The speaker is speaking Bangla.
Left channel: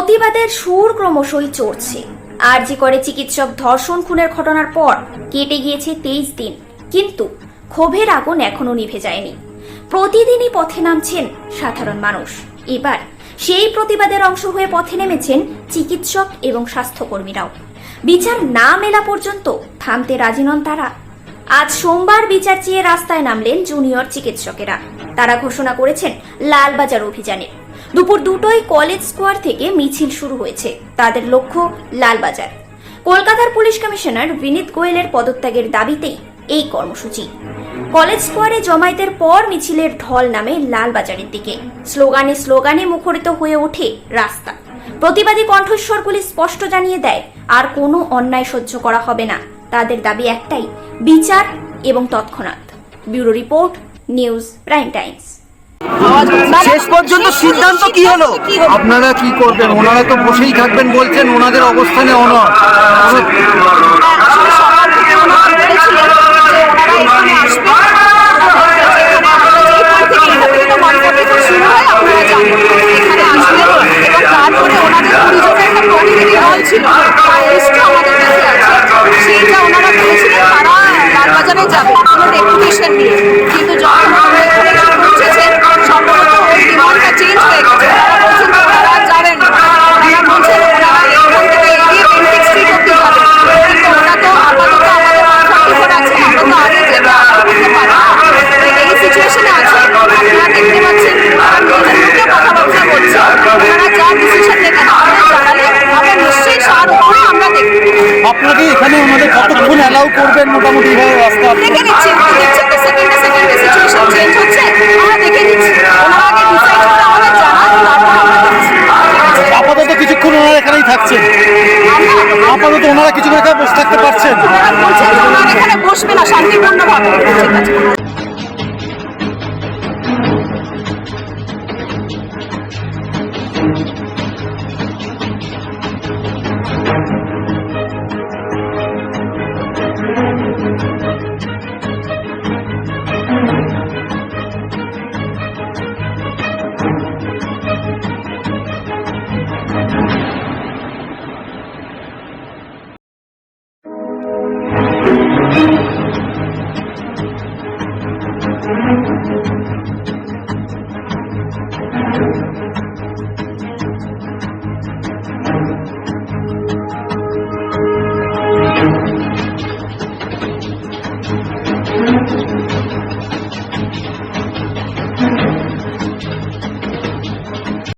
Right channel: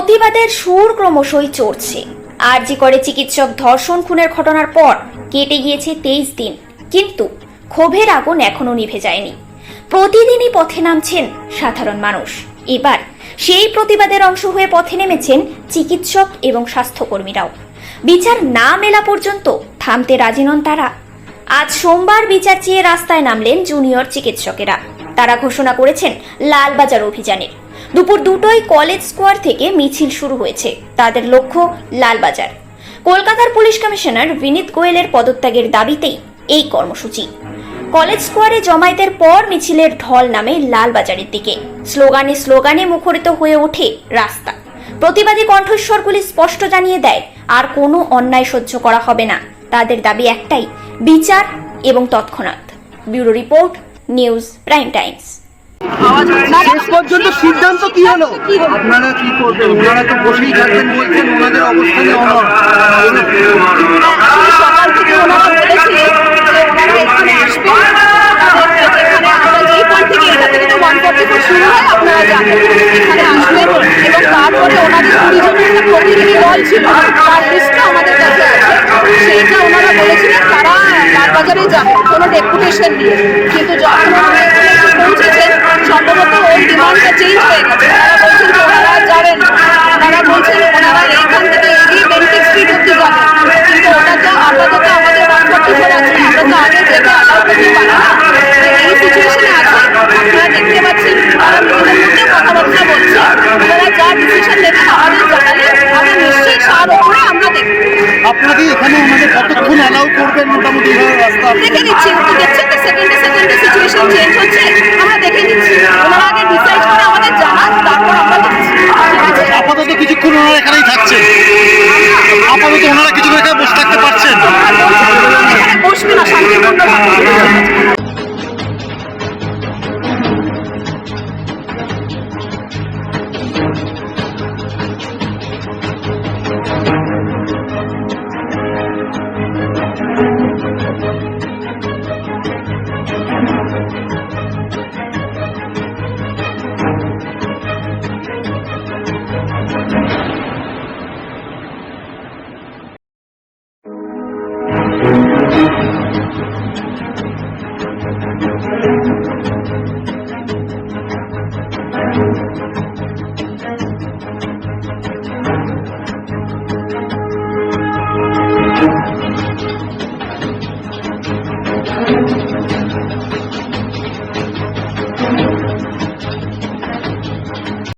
প্রতিবাদের সুর ক্রমশই চড়ছে। আরজি করে চিকিৎসক ধর্ষণ খুনের ঘটনার পর কেটে গিয়েছে তেইশ দিন। কিন্তু ক্ষোভের আগুন এখনও নিভে যায়নি। প্রতিদিনই পথে নামছেন সাধারণ মানুষ। এবার সেই প্রতিবাদের অংশ হয়ে পথে নেমেছেন চিকিৎসক এবং স্বাস্থ্যকর্মীরাও। বিচার না মেলা পর্যন্ত থামতে রাজি নন তারা। আজ সোমবার বিচার চেয়ে রাস্তায় নামলেন জুনিয়র চিকিৎসকেরা। তারা ঘোষণা করেছেন, লালবাজার অভিযানের। দুপুর দুটোই কলেজ স্কোয়ার থেকে মিছিল শুরু হয়েছে। তাদের লক্ষ্য লালবাজার। কলকাতার পুলিশ কমিশনার বিনীত গোয়েলের পদত্যাগের দাবিতেই এই কর্মসূচি। কলেজ স্কোয়ারে জমায়েতের পর মিছিলের ঢল নামে লালবাজারের দিকে। স্লোগানে স্লোগানে মুখরিত হয়ে ওঠে রাস্তা। প্রতিবাদী কণ্ঠস্বরগুলি স্পষ্ট জানিয়ে দেয়, আর কোনো অন্যায় সহ্য করা হবে না। তাদের দাবি একটাই, বিচার এবং তৎক্ষণাৎ। Bureau report, news prime times. শেষ পর্যন্ত সিদ্ধান্ত কি হলো? আপনারা কি করবেন? ওনারা তো বসেই থাকবেন বলছেন ওনাদের অবস্থানে অনর সকাল থেকে ওনারা বলেছিলেন যে ওনারা এখানে আসবেন। ওনাদের আমরা যেই পয়েন্ট থেকে এখান থেকে তো ওয়ান ফোর্টি ফোর শুরু হয় আপনারা জানেন। এখানে আসবেন এবং তারপরে ওনাদের কুড়ি জনের একটা প্রতিনিধি দল ছিল তার লিস্টটা আমাদের কাছে আছে। সেইটা ওনারা বলেছিলেন তারা লালবাজারে যাবে কোনো ডেপুটেশন নিয়ে। কিন্তু যখন পৌঁছেছেন সম্ভবত ওই ডিমান্ডটা চেঞ্জ হয়ে গেছে। ওনারা বলছেন যে ওনারা যাবেন না। ওনারা বলছেন ওনারা এইখান থেকে এগিয়ে বেন্টিক স্ট্রিট অব্দি যাবেন। কিন্তু ওটা তো আপাতত আমাদের ওয়ান ফোর্টি ফোর আছে। আমরা তো আগে থেকে অ্যালাউ করতে পারি না। আপনাকে এখানে আমাদের কতক্ষণ অ্যালাউ করবেন মোটামুটি? ভাবে রাস্তা দেখে নিচ্ছি একটু দেখছেন তো সেকেন্ডে সেকেন্ডে সিচুয়েশন চেঞ্জ হচ্ছে? আমরা দেখে নিচ্ছি। ওনারা আগে ডিসাইড করে আমাদের জানান তারপর আমরা দেখছি। আপাতত কিছুক্ষণ ওনারা এখানেই থাকছেন। আপাতত ওনারা কিছুক্ষণ এখানে বসে থাকতে পারছেন। বসবে না শান্তিপূর্ণভাবে। ঠিক আছে।